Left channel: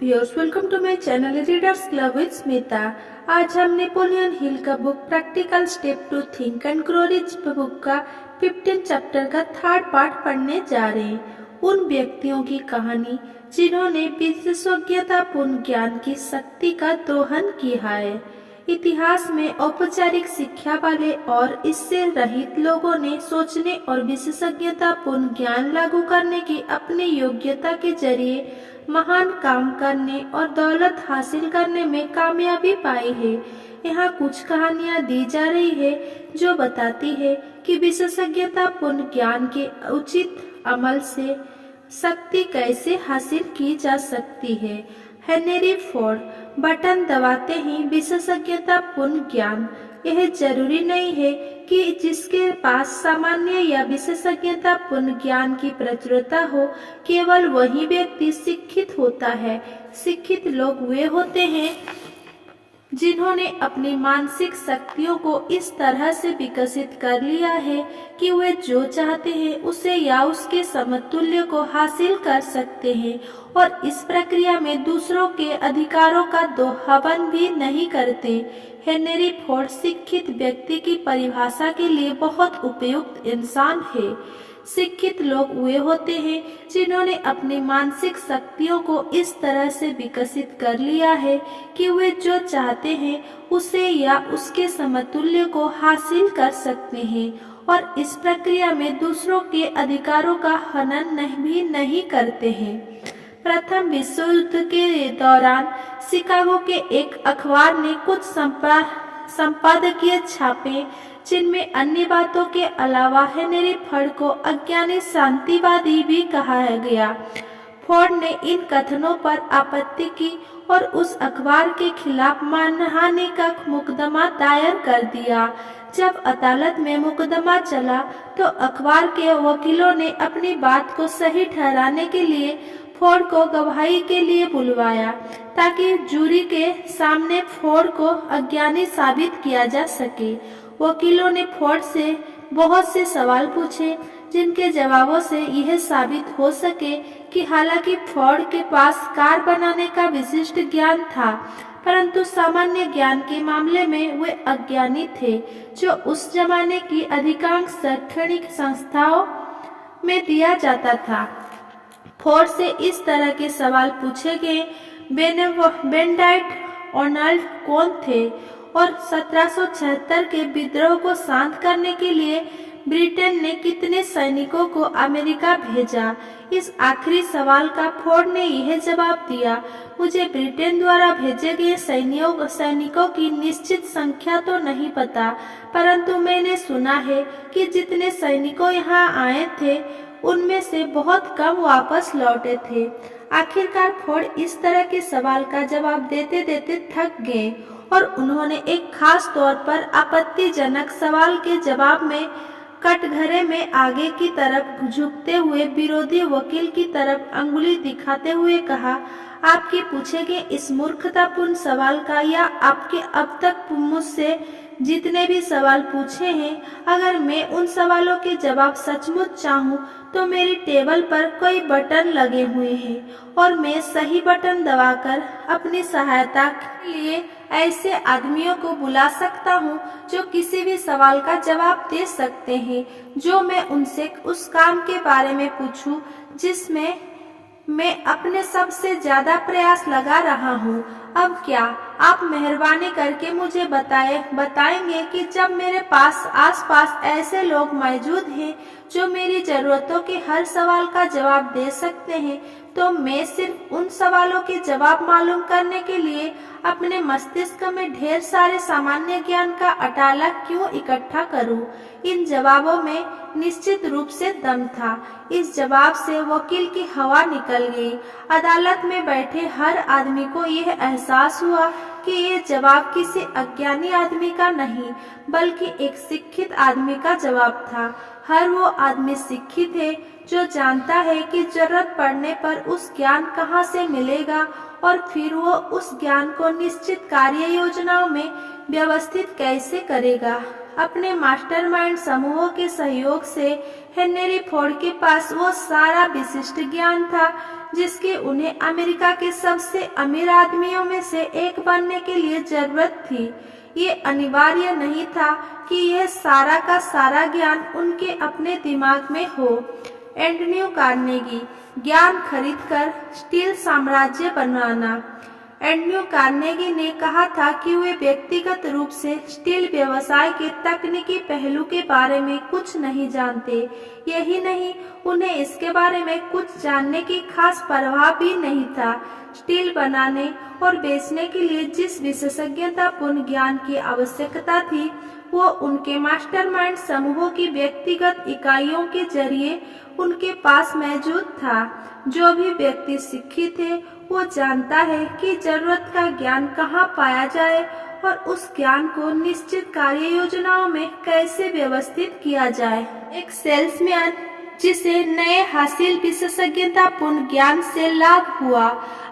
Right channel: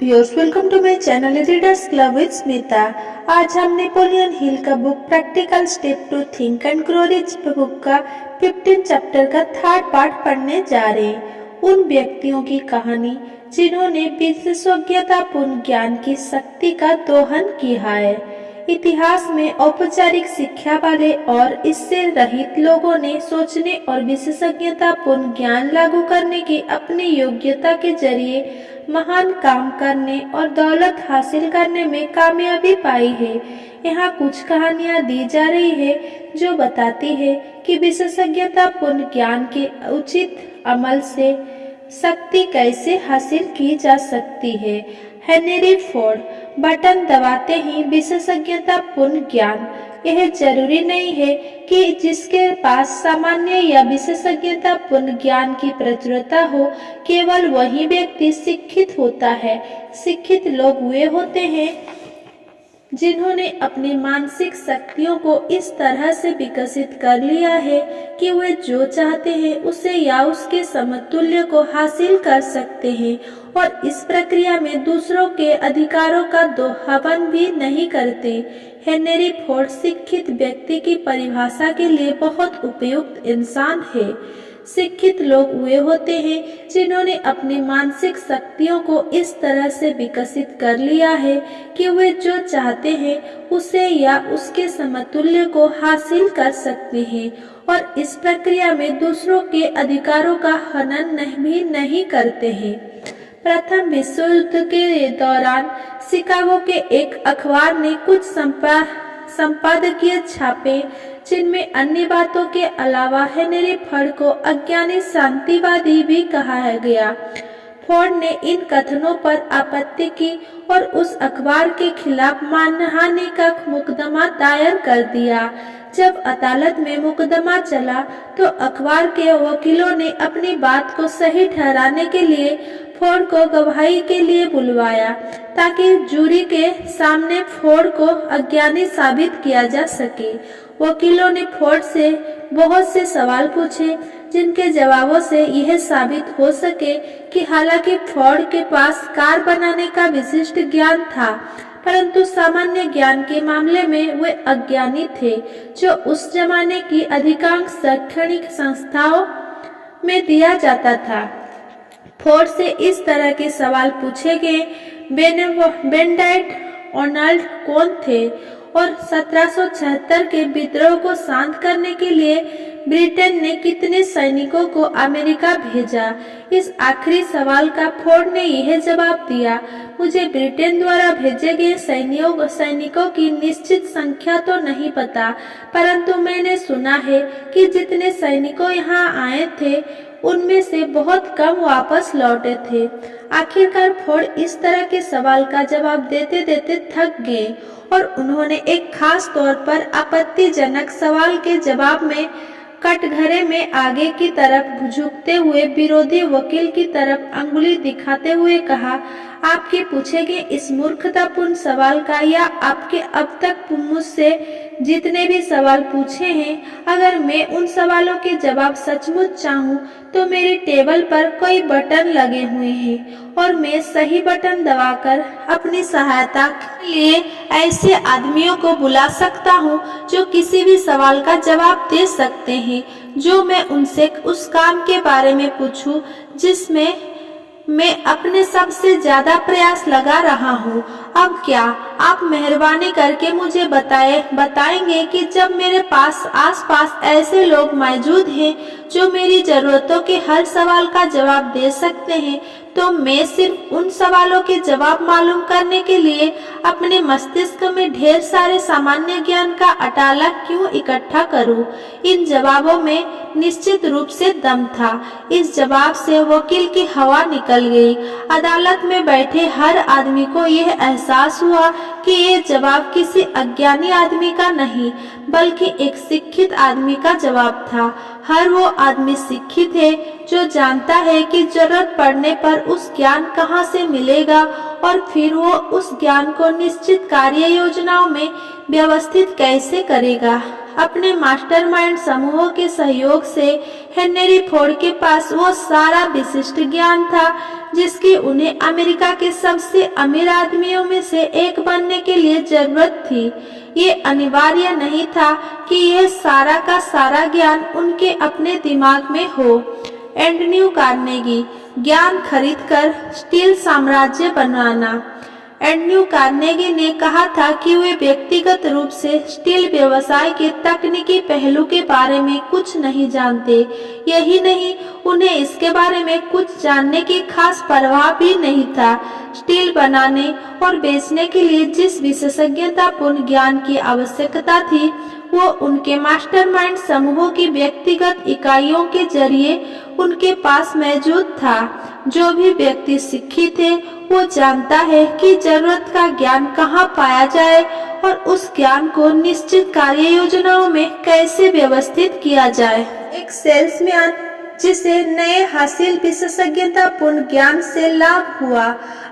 Viewers, welcome to my channel readers club with Smita. आज हम Napoleon Hill का book practical step to think and grow rich book का 15 chapter का third part पढ़ने जा रहे हैं। उन व्यक्तियों की कहानी जिन्होंने विशेषज्ञतापूर्ण ज्ञान की शक्ति का दोहन किया है। इतिहास में औपचारिक शिक्षा वाले और इससे रहित लोगों ने सोचने और विशेषज्ञतापूर्ण ज्ञान लागू करने की अपनी योग्यता के जरिए महान काम करने और दौलत हासिल करने में कामयाबी पाई है। यहाँ कुछ कहानियाँ दी जा रही है जो बताती है कि विशेषज्ञतापूर्ण ज्ञान के उचित अमल से शक्ति कैसे हासिल की जा सकती है। हेनरी फोर्ड, बटन दबाते ही विशेषज्ञतापूर्ण ज्ञान। यह जरूरी नहीं है कि जिसके पास सामान्य या विशेषज्ञतापूर्ण ज्ञान की प्रचुरता हो केवल वही व्यक्ति शिक्षित होता है। शिक्षित लोग वे होते हैं जिन्होंने अपनी मानसिक शक्तियों को इस तरह से विकसित कर लिया है कि वे जो चाहते हैं उसे या उसके समतुल्य को हासिल कर सकते हैं और इस प्रक्रिया में दूसरों के अधिकारों का दोहन भी नहीं करते। हेनरी फोर्ड शिक्षित व्यक्ति की परिभाषा के लिए बहुत उपयुक्त इंसान है। शिक्षित लोग वे होते हैं जिन्होंने अपनी मानसिक शक्तियों को इस तरह से विकसित कर लिया है कि वे जो चाहते हैं उसे या उसके समतुल्य को हासिल कर सकते हैं और इस प्रक्रिया में दूसरों के अधिकारों का हनन भी नहीं करते हैं। प्रथम विश्व युद्ध के दौरान शिकागो के एक अखबार ने कुछ संपादकीय छापे जिनमें अन्य बातों के अलावा हेनरी फोर्ड को अज्ञानी शांतिवादी भी कहा गया। फोर्ड ने इन कथनों पर आपत्ति की और उस अखबार के खिलाफ मानहानि का मुकदमा दायर कर दिया। जब अदालत में मुकदमा चला तो अखबार के वकीलों ने अपनी बात को सही ठहराने के लिए फोर्ड को गवाही के लिए बुलवाया ताकि जूरी के सामने फोर्ड को अज्ञानी साबित किया जा सके। वकीलों ने फोर्ड से बहुत से सवाल पूछे जिनके जवाबों से यह साबित हो सके कि हालांकि फोर्ड के पास कार बनाने का विशिष्ट ज्ञान था परंतु सामान्य ज्ञान के मामले में वे अज्ञानी थे जो उस जमाने की अधिकांश शैक्षणिक संस्थाओं में दिया जाता था। फोर्ड से इस तरह के सवाल पूछे गए। बेनेडिक्ट आर्नल्ड कौन थे और 1776 के विद्रोह को शांत करने के लिए ब्रिटेन ने कितने सैनिकों को अमेरिका भेजा। इस आखिरी सवाल का फोर्ड ने यह जवाब दिया, मुझे ब्रिटेन द्वारा भेजे गए सैनिकों की निश्चित संख्या तो नहीं पता परंतु मैंने सुना है कि जितने सैनिकों यहाँ आए थे उनमें से बहुत कम वापस लौटे थे। आखिरकार फोर्ड इस तरह के सवाल का जवाब देते देते थक गए और उन्होंने एक खास तौर पर आपत्तिजनक सवाल के जवाब में कटघरे में आगे की तरफ झुकते हुए विरोधी वकील की तरफ अंगुली दिखाते हुए कहा, आपके पूछे गए इस मूर्खतापूर्ण सवाल का या आपके अब तक मुझसे जितने भी सवाल पूछे हैं, अगर मैं उन सवालों के जवाब सचमुच चाहूँ तो मेरी टेबल पर कई बटन लगे हुए हैं और मैं सही बटन दबाकर अपनी सहायता के लिए ऐसे आदमियों को बुला सकता हूँ जो किसी भी सवाल का जवाब दे सकते हैं जो मैं उनसे उस काम के बारे में पूछूं जिसमें मैं अपने सबसे ज्यादा प्रयास लगा रहा हूँ। अब क्या आप मेहरबानी करके मुझे बताएंगे कि जब मेरे पास आसपास ऐसे लोग मौजूद हैं जो मेरी जरूरतों के हर सवाल का जवाब दे सकते हैं तो मैं सिर्फ उन सवालों के जवाब मालूम करने के लिए अपने मस्तिष्क में ढेर सारे सामान्य ज्ञान का अटाला क्यों इकट्ठा करूं? इन जवाबों में निश्चित रूप से दम था। इस जवाब से वकील की हवा निकल गई। अदालत में बैठे हर आदमी को यह एहसास हुआ कि ये जवाब किसी अज्ञानी आदमी का नहीं बल्कि एक शिक्षित आदमी का जवाब था। हर वो आदमी शिक्षित है जो जानता है कि जरूरत पड़ने पर उस ज्ञान कहाँ से मिलेगा और फिर वो उस ज्ञान को निश्चित कार्य योजनाओं में व्यवस्थित कैसे करेगा। अपने मास्टरमाइंड समूहों के सहयोग से हेनरी फोर्ड के पास वो सारा विशिष्ट ज्ञान था जिसकी उन्हें अमेरिका के सबसे अमीर आदमियों में से एक बनने के लिए जरूरत थी। ये अनिवार्य नहीं था कि यह सारा का सारा ज्ञान उनके अपने दिमाग में हो। एंटोनियो कार्नेगी, ज्ञान खरीदकर स्टील साम्राज्य बनाना। एंटोनियो कार्नेगी ने कहा था कि वे व्यक्तिगत रूप से स्टील व्यवसाय के तकनीकी पहलू के बारे में कुछ नहीं जानते। यही नहीं, उन्हें इसके बारे में कुछ जानने की खास परवाह भी नहीं था। स्टील बनाने और बेचने के लिए जिस विशेषज्ञतापूर्ण ज्ञान की आवश्यकता थी वो उनके मास्टरमाइंड समूहों की व्यक्तिगत इकाइयों के जरिए उनके पास मौजूद था। जो भी व्यक्ति शिक्षित है वो जानता है कि जरूरत का ज्ञान कहाँ पाया जाए और उस ज्ञान को निश्चित कार्य योजनाओं में कैसे व्यवस्थित किया जाए। एक सेल्समैन जिसे नए हासिल विशेषज्ञतापूर्ण ज्ञान से लाभ हुआ।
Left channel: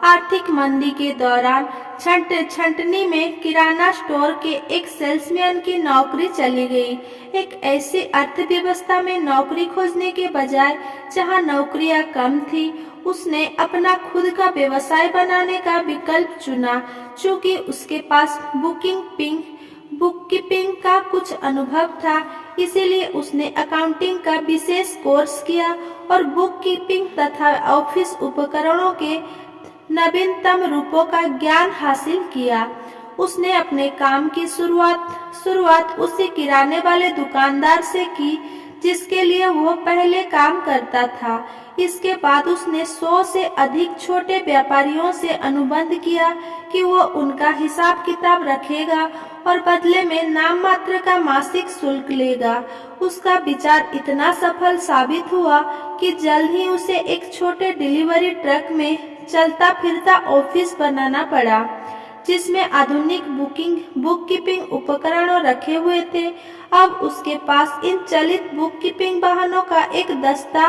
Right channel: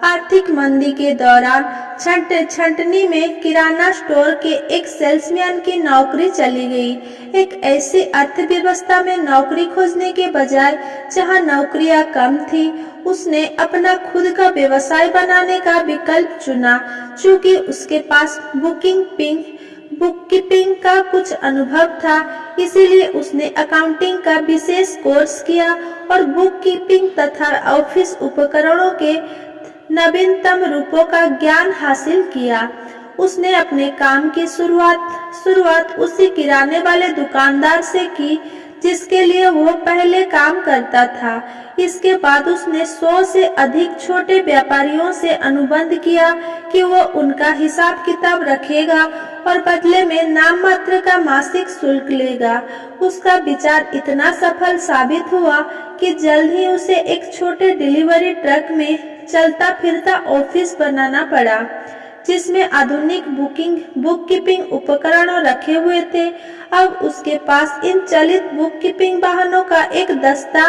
आर्थिक मंदी के दौरान छंटनी में किराना स्टोर के एक सेल्समैन की नौकरी चली गई। एक ऐसी अर्थव्यवस्था में नौकरी खोजने के बजाय जहां नौकरियां कम थी, उसने अपना खुद का व्यवसाय बनाने का विकल्प चुना। चूंकि उसके पास बुककीपिंग का कुछ अनुभव था, इसीलिए उसने अकाउंटिंग का विशेष कोर्स किया और बुककीपिंग तथा ऑफिस उपकरणों के नवीनतम रूपों का ज्ञान हासिल किया। उसने अपने काम की शुरुआत उसी किराने वाले दुकानदार से की जिसके लिए वो पहले काम करता था। इसके बाद उसने 100 से अधिक छोटे व्यापारियों से अनुबंध किया कि वो उनका हिसाब किताब रखेगा और बदले में नाम मात्र का मासिक शुल्क लेगा। उसका विचार इतना सफल साबित हुआ कि जल्द ही उसे एक छोटे डिलीवरी ट्रक में चलता फिरता ऑफिस बनाना पड़ा जिसमें आधुनिक बुककीपिंग उपकरण रखे हुए थे। अब उसके पास इन चलित बुककीपिंग वाहनों का एक दस्ता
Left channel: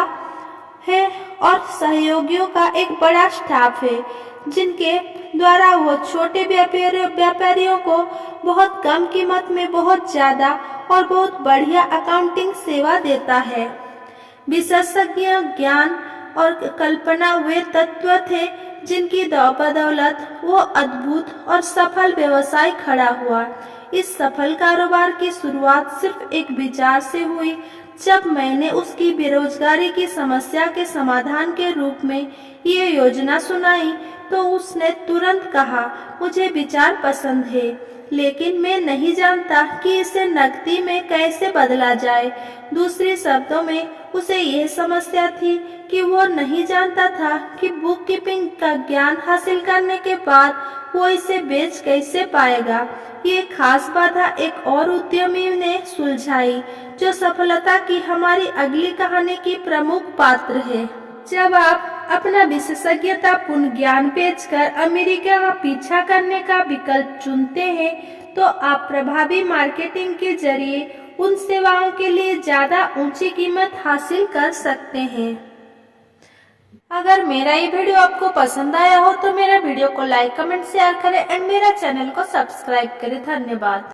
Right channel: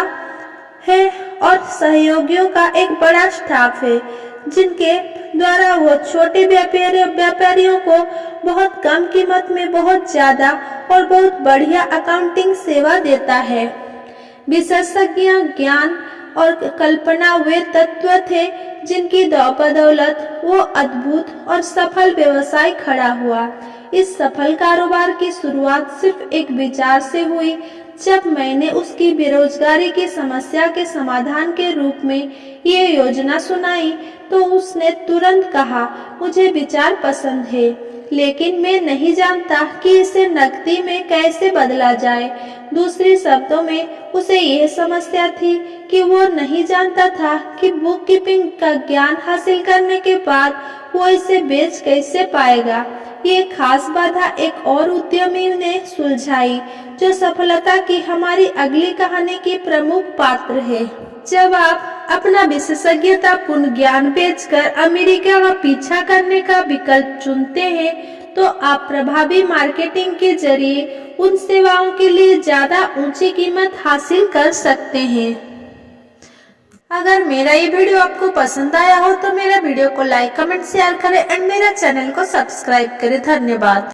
है और सहयोगियों का एक बड़ा स्टाफ है जिनके द्वारा वो छोटे व्यापारियों को बहुत कम कीमत में बहुत ज्यादा और बहुत बढ़िया अकाउंटिंग सेवा देता है। विशेषज्ञ ज्ञान और कल्पना वे तत्व थे जिनकी बदौलत वो अद्भुत और सफल व्यवसाय खड़ा हुआ। इस सफल कारोबार की शुरुआत सिर्फ एक विचार से हुई। जब मैंने उसकी बेरोजगारी की समस्या के समाधान के रूप में ये योजना सुनाई तो उसने तुरंत कहा, मुझे विचार पसंद है, लेकिन मैं नहीं जानता कि इसे नकदी में कैसे बदला जाए। दूसरे शब्दों में उसे यह समस्या थी कि वो नहीं जानता था कि बुककीपिंग का ज्ञान हासिल करने के बाद वो इसे बेच कैसे पाएगा। ये खास बाधा एक और उद्यमी ने सुलझाई जो सफलता की हमारी अगली कहानी की प्रमुख पात्र है। जब आप अपना विशेषज्ञतापूर्ण ज्ञान बेचकर अमेरिका का पीछा करने का विकल्प चुनते हैं तो आप प्रभावी मार्केटिंग के जरिए उन सेवाओं के लिए ज्यादा ऊंची कीमत हासिल कर सकते हैं। अगर मेरा ये वीडियो आपको पसंद आया हो तो मेरे वीडियो को लाइक, कमेंट, शेयर करें एंड मेरा चैनल को सब्सक्राइब करें। धन्यवाद।